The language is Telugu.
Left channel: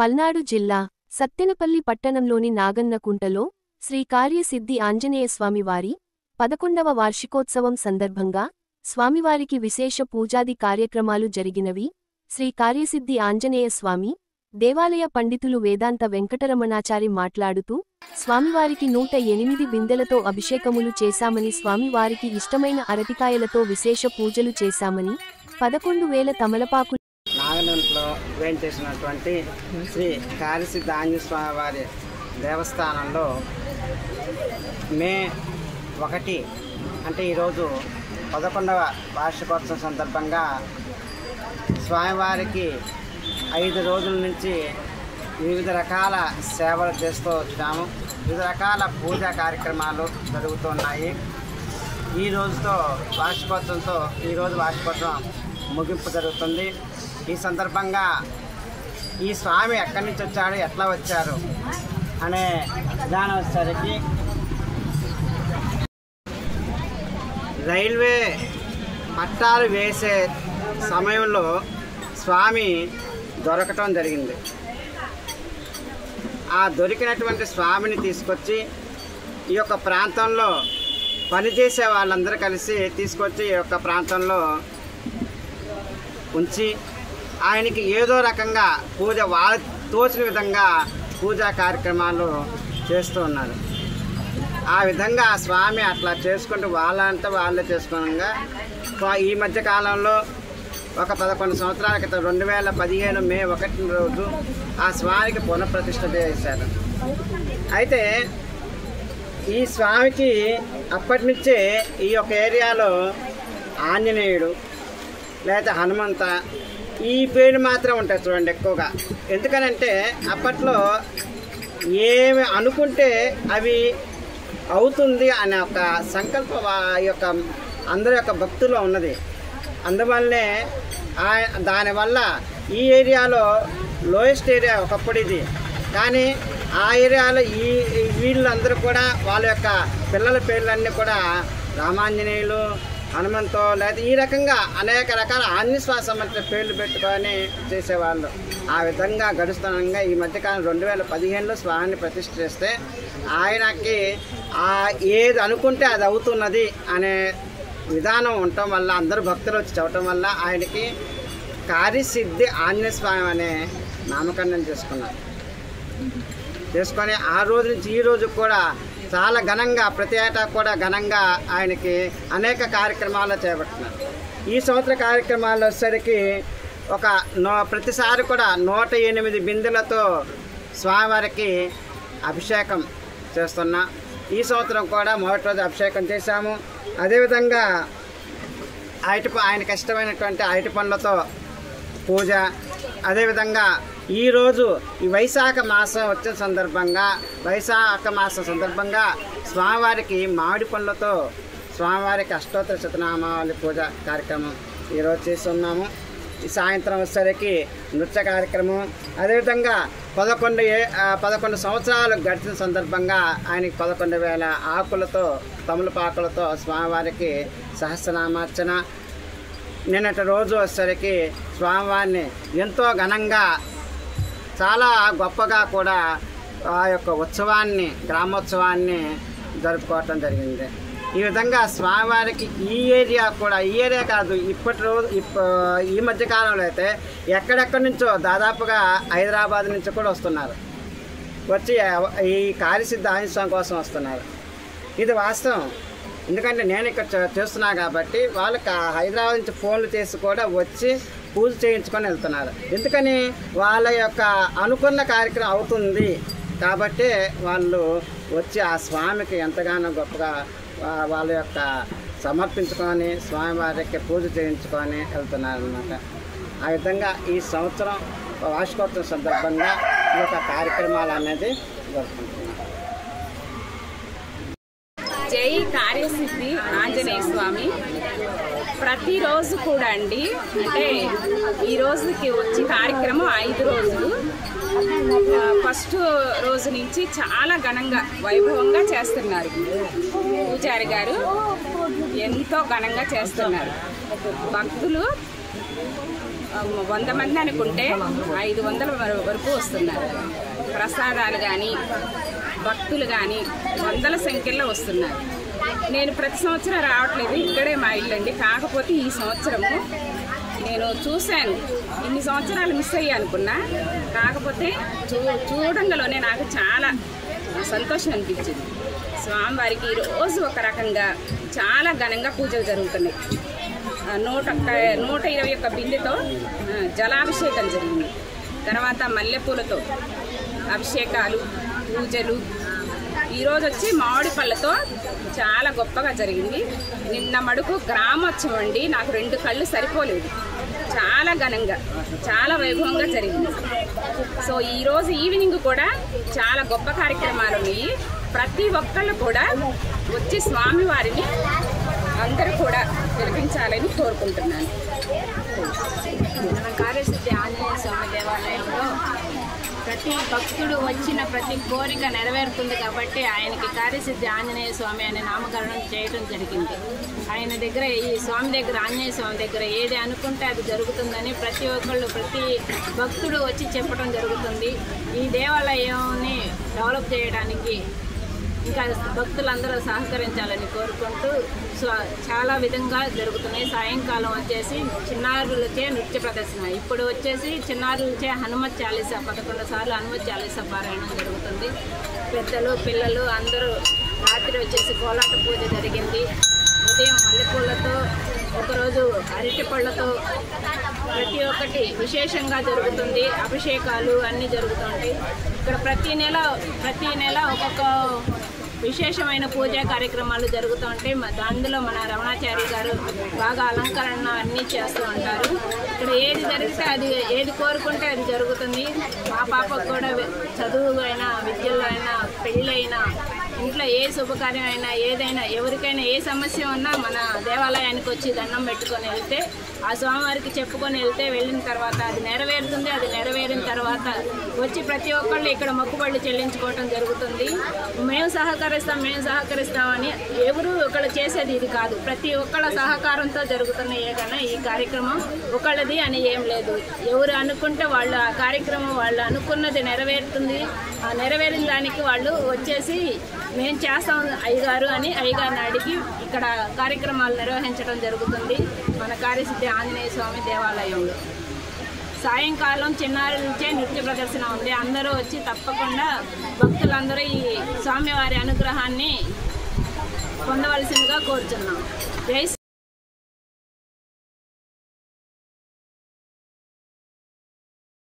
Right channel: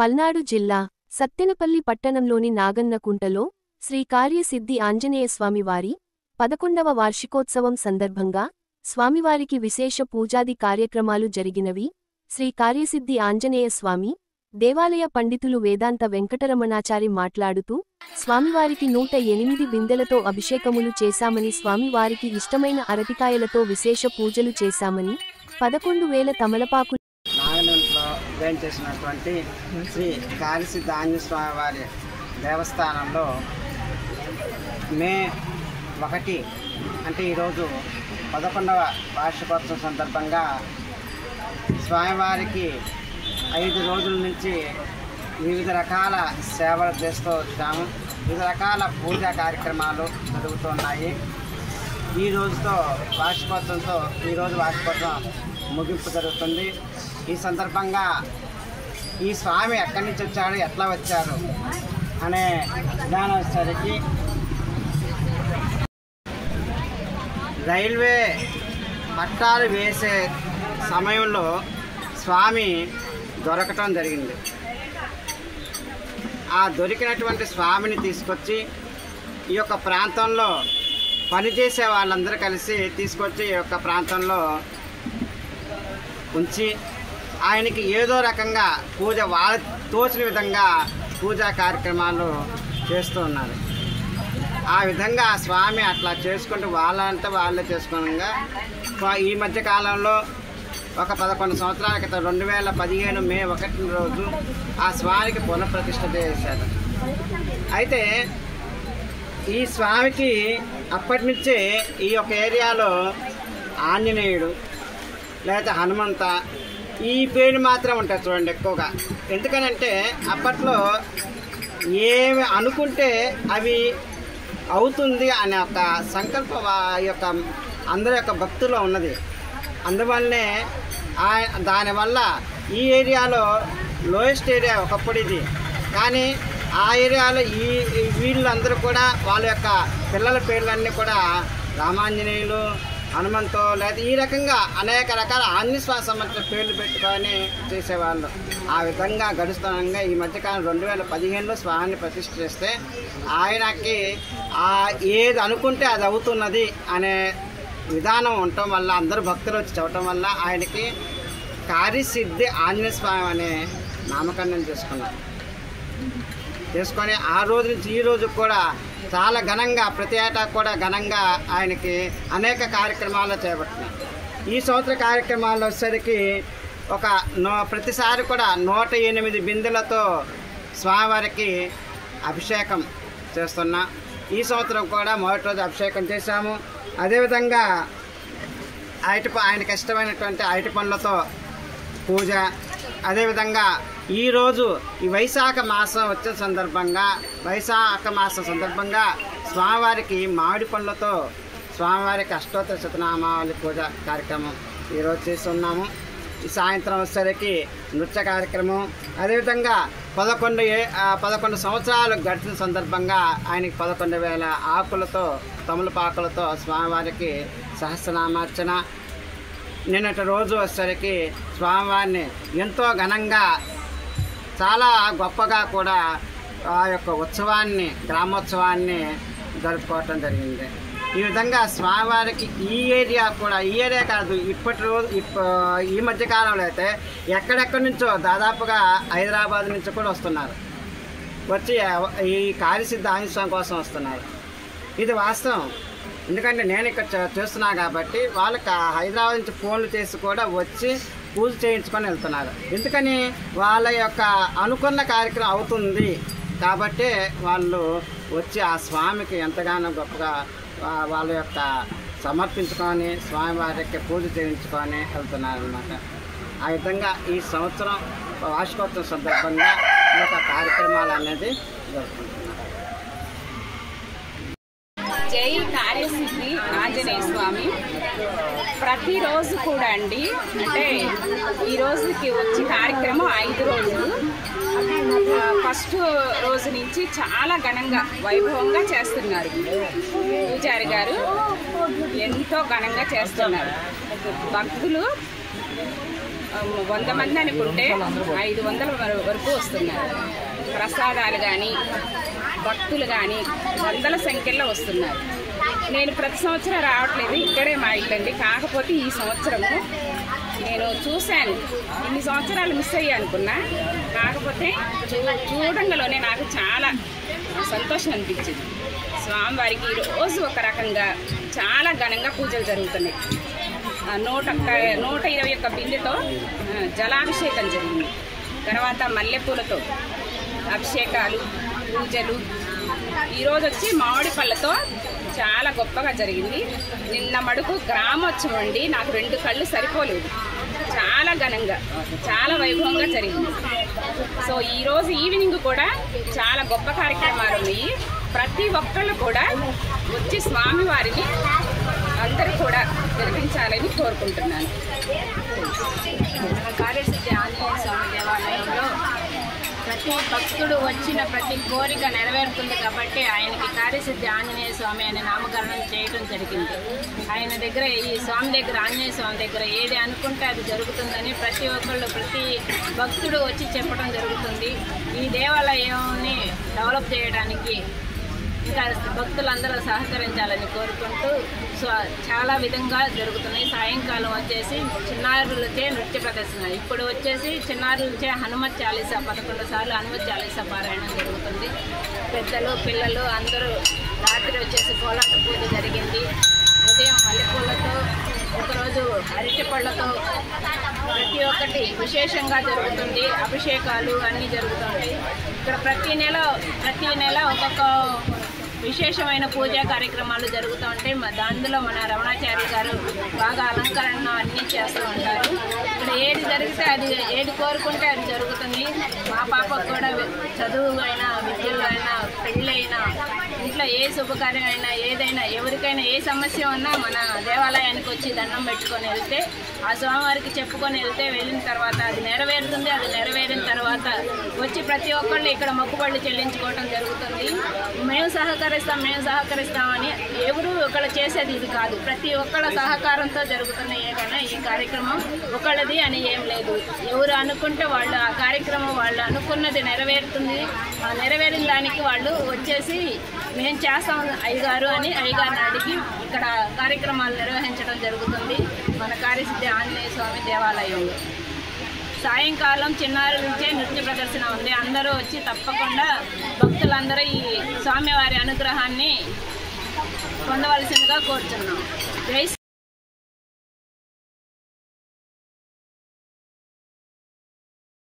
పల్నాడు జిల్లా సత్తెనపల్లి పట్టణంలోని నాగన్నకుంటలో శ్రీ కార్యసిద్ధి ఆంజనేయ స్వామివారి 11వ వార్షికోత్సవం సందర్భంగా స్వామివారికి విశేష పూజాది కార్యక్రమాలు జరిగినవి. శ్రీ కార్యసిద్ధి ఆంజనేయ స్వామి దేవాలయ పండితులు వేదాంత వెంకటరమణాచారి మాట్లాడుతూ, స్వామివారికి 108 బిందెలతో అభిషేకములు చేశామని, స్వామివారికి ఇష్టమైన అరటికాయలతో విశేష పూజలు చేశామని, 11,000 తమలపాకులు నాగనంలో వేయించేసినటువంటి శ్రీ కార్యసిద్ధి ఆంజనేయ స్వామి వారి దేవస్థానంలో మే 1 అంటే ఈరోజు 11వ వార్షికోత్సవం సందర్భంగా స్వామివారికి 5 రోజుల నుంచి వివిధ రకాల సేవలు చేస్తూ వచ్చాము. వివిధ రకాల పూజా కార్యక్రమాలు జరుగుతున్నాయి. ఈ రోజుతో వార్షికోత్సవంతో ఈరోజు వార్షికోత్సవం ముగింపు జరుగుతుంది. ఈ సందర్భంగా ఈ స్వామి ఎక్కడి నుంచి వచ్చాడు, ఎట్లా వచ్చారు అనే విధానం వచ్చేసరికి రైల్వే పట్టాలు వేసే సమయంలో స్వామి దొరకటం జరిగింది. ఆ దొరికినటువంటి స్వామిని తీసుకొచ్చి ఈ యొక్క ప్రాంతంలో పనిచేసే వాళ్ళందరూ కలిసి తీసుకొచ్చి ఈ యొక్క ప్రాంతంలో ఉంచి ఆయనకి ఏదో రకంగా పూజ వాళ్ళ తోచిన విధంగా పూజా కార్యక్రమాలు చేస్తూ ఉన్నారు. ఆ విధంగా స్వామి అట్లా చేసుకుంటూ వాళ్ళంతా వాళ్ళే చేసుకోగా ఈ మధ్యకాలంలో ఒక 11 సంవత్సరాల క్రితం 2015 మే 1 రోజు ఆ స్వామికి పునఃప్రతిష్ఠ చేశారు. అయితే ఈ స్వామికి అప్పటి నుంచే ఈ యొక్క ఏరియాలో ఆంజనేయుడు లేదా హనుమంత ఈ పేరు మాత్రం ఉంటాయి చూడండి ఎక్కువగా. ఎందుకనంటే అప్పట్లో ఏమి అనుకుంటే అవి అవుతుంది అనే ఒక సంకల్పం ఈ యొక్క అందరి యొక్క భక్తుల్లో ఉన్నది. అందువల్లనే దానివల్ల ఈ ఏరియాలో లోయెస్ట్ ఏరియా ఒకప్పుడు ఇది. కానీ ఆ ఏరియాలో వీళ్ళందరూ కూడా వాళ్ళ యొక్క పిల్లల పేర్లన్నీ కూడా రామాంజనేయులు, హనుమంతో లేదా ఈ రకంగా అనేక రకాల ఆంజనేయ స్వామి సంబంధించిన పేర్లు పెట్టుకొని చేసేవాళ్ళు. ఆ విధంగా గడుస్తుండగా ఈ మధ్యకాలం 2015లో స్వామిని ప్రతిష్ఠ చేస్తే ఆయనకి ఏది అనుకుంటే అది అవుతున్నది అనే విధానం ఉండటం వల్ల అందరూ భక్తులు వచ్చి చెప్పటం వల్ల ఆయనకి కార్యసిద్ధి ఆంజనేయ స్వామి అనే నామకరణం చేసుకొని ఆ రోజు నుంచి ఈ రోజు కూడా చాలా ఘనంగా ప్రతి ఏటా కూడా ఘనంగా ఆయనకి అనేక కార్యక్రమాలు చేపడుతున్నారు. ఈ సంవత్సర కార్యక్రమాల్లో వచ్చేసరికి ప్రతిసారి కూడా 108 బిందెలతో స్వామివారికి అభిషేకం చేస్తున్నా. ఈ సంవత్సరం కూడా మొదటి రోజు అభిషేకం చేశాము. అదేవిధంగా ఆయనకి ఇష్టమైనటువంటి అరటి పండ్లతో పూజ. అదేవిధంగా ఈరోజు ఈ వైశాఖ మాసం వచ్చిన సందర్భంగా స్వామివారికి మామిడి పండ్లతో స్వామివారికి అష్టోత్తర శతనామావళి పూజ కార్యక్రమం ఈరోజు చేస్తున్నాము. ఈ సాయంత్రం వచ్చేసరికి నృత్య కార్యక్రమం. అదేవిధంగా 11 సంవత్సరాలు గడిచిన సందర్భంగా ఆయనకి 11,000 ఆకులతో తమలపాకులతో స్వామివారికి సహస్రనామార్చన. నిన్నటి రోజు వచ్చేసరికి స్వామివారిని ఎంతో ఘనంగా చాలా గొప్పగా కూడా ఆ యొక్క గ్రామోత్సవాన్ని జరుపుకోవటం జరిగింది. ఈ విధంగా స్వామివారికి ఈ ఏరియా కాదు, ఈ మధ్యకాలంలో అయితే ఎక్కడెక్కడి నుంచో దాదాపుగా హైదరాబాద్ నుంచి కూడా వస్తున్నారు. వచ్చి ఈ కార్యసిద్ధి ఆంజనేయ స్వామి కోసం వస్తున్నారు. ఇది వాస్తవం. ఎందుకంటే నేను ఇక్కడ చేస్తున్నా కాబట్టి వాళ్ళకి హైదరాబాద్ నుంచి ఫోన్లు చేసి కూడా వచ్చి పూజ చేయించుకొని వెళ్తున్నారు. ఎందుకని వాళ్ళ యొక్క అనుకున్న కార్యక్రమం అవుతుంది కాబట్టి వాళ్ళు వచ్చి ఆ స్వామికి ఎంతగానో గొప్పగా వాళ్ళ యొక్క సమర్పించుకొని స్వామివారికి పూజ చేయించుకొని వెళ్తున్నారనమాట. ఆ విధంగా ఈ సంవత్సరం వార్షికోత్సవం సందర్భంగా ఈ యొక్క కార్యక్రమాలు అనేది జరుపుకుంటున్నారు. జై కార్యసిద్ధి ఆంజనేయ స్వామి. ప్రతిరోజు కూడా అండి, అంటే ఈ రోజుకి వచ్చి కార్యక్రమం 5 రోజులు. ఫస్ట్ రోజు నుంచి చాలా ఘనంగా వైభవంగా చేస్తున్నారు. పూజారి గారు ఎంతో ఘనంగా చేస్తున్నారు. భక్తులు 100 మంది అనుకుంటే 500 వరకు వస్తున్నారు. ప్రసాదాలు కానీ భక్తులు కానీ వందల సంఖ్యలో వస్తున్నారు. నేను ప్రతి సంవత్సరం రావట్లేదు, ఇక్కడే మా ఇల్లు అండి. కాకపోతే ఈ సంవత్సరము నేను చూశాను, ఇన్ని సంవత్సరాలు మిస్ అయ్యా అనుకున్నా. కాకపోతే చూడంగానే నాకు చాలా సంతోషం అనిపించింది. స్వామివారికి ఈరోజు ఒక రకంగా చాలా ఘనంగా పూజలు జరుగుతున్నాయి. 121 బిందెతో జలాభిషేకం జరిగింది. తర్వాత మల్లెపూలతో అభిషేకాలు, పూజలు. ఈరోజు వచ్చి మామిడి పళ్ళతో చాలా గొప్పగా జరిగింది. నిన్న మడుకు గ్రామోత్సవం అండి, నాకు 2 కళ్ళు సరిపోలేదు. చాలా ఘనంగా చాలా వైభవంగా జరిగింది. సో ఈరోజు ఈవినింగ్ కూడా చాలా గొప్ప కార్యక్రమాలు ఉన్నాయి. ప్రతి ఒక్కళ్ళు కూడా వచ్చి స్వామివారిని అందరూ కూడా జరిపించాలని కోరుకుంటున్నాను. కార్యసిద్ధి ఆంజనేయ స్వామి దేవాలయంలో ప్రతి భక్తుడు వచ్చిన ప్రతి కోరిక నెరవేరుతుంది కాబట్టి ఆయనకి కార్యసిద్ధి ఆంజనేయ స్వామి అనే నామకరణం చేయడం జరిగింది. ఆయన దగ్గర, ఈ స్వామి దగ్గర, ఆంజనేయ స్వామి దగ్గర ఏది అనుకుంటే అది జరుగుతుందని ప్రతి భక్తుడు వచ్చి చెప్పడం జరుగుతుంది. ఈ దేవాలయాన్ని డెవలప్ చేయడానికి ఇంకా భక్తులందరూ సహకరించాలని కోరుకుంటూ చాలా విధంగా జరుగుతున్నాయి. సాయంకాలం వచ్చేసి చిన్నారులచే నృత్య ప్రదర్శన, ఇప్పుడు వచ్చేసి చిన్నారులచే హనుమత్ చాలీసా 11 సార్లు హనుమత్ చాలీసా పారాయణం జరుగుతుంది. పెద్దలు పిల్లలు అందరూ. రాత్రి వచ్చేసి కోలాట పూజ జరిగింది. ఉదయం మల్లెపూలతో, ఒకరోజు అరటి పళ్ళతో ప్రతి ఒక్కటి విశేషంగా జరుగుతుంది. అభిషేకాలు అన్నీ జరుగుతుంటాయి. ఇక్కడ ప్రతి నెల ఒక్కొక్క విశేషమైన పూజా కార్యక్రమాలు జరుగుతూ ఉంటాయి. అందులో మన రమణాచారి గారు బాగా అలంకరణ అన్నీ చేస్తూ ఉంటారు. ఇక్కడ ఏది జరిగితే అది, ఏది కోరుకుంటే అది జరుగుతుంది. మా పాపకు కూడా చదువు అయినా, విద్యలో అయినా, పెళ్ళైనా, ఇంట్లో ఏ శుభకార్యమైనా, ఏదైనా, ఎవరికైనా ఏ సమస్య ఉన్నా మన దేవాలయానికి వచ్చి దండం పెట్టుకొని వెళ్తే, ఆ స్వామివారికి చెప్పుకొని వెళ్తే, వెళ్ళిన తర్వాత అది నెరవేరుతుంది. అది నెరవేరిన తర్వాత వచ్చి ప్రతి ఒక్కళ్ళు ఇక్కడ మొక్కుబళ్ళు చెల్లించుకోవటం జరుగుతుంది. మేము సహకరిస్తామని ఎవరు ఒకళ్ళు చేసేది ఇది కాదు. ప్రతి ఒక్కళ్ళ సహకారంతో జరుగుతున్న ఏదైనా ఈ కార్యక్రమం ఒకళ్ళది అని ఏం లేదు. ఎవరు అనుకుంటే వాళ్ళు ఆ కార్యక్రమం, వాళ్ళు అనుకున్నది నెరవేరుతుంది. ఆ నెరవేరిన దానికి వాళ్ళు వచ్చేసి మేము చేస్తాం అయ్యగారు అని అయ్యగారిని అడిగి ఇక్కడ కార్యక్రమాలు నిర్వహించడం జరుగుతుంది మన కార్యసిద్ధి ఆంజనేయ స్వామి దేవాలయంలో. సాయంకాలం చిన్నారులచే నృత్య ప్రదర్శన ఉంది. అందరూ వచ్చి తప్పకుండా భక్తులందరూ ఈ స్వామివారి అనుగ్రహాన్ని పొందవలసిందిగా కోరుచున్నాం. జై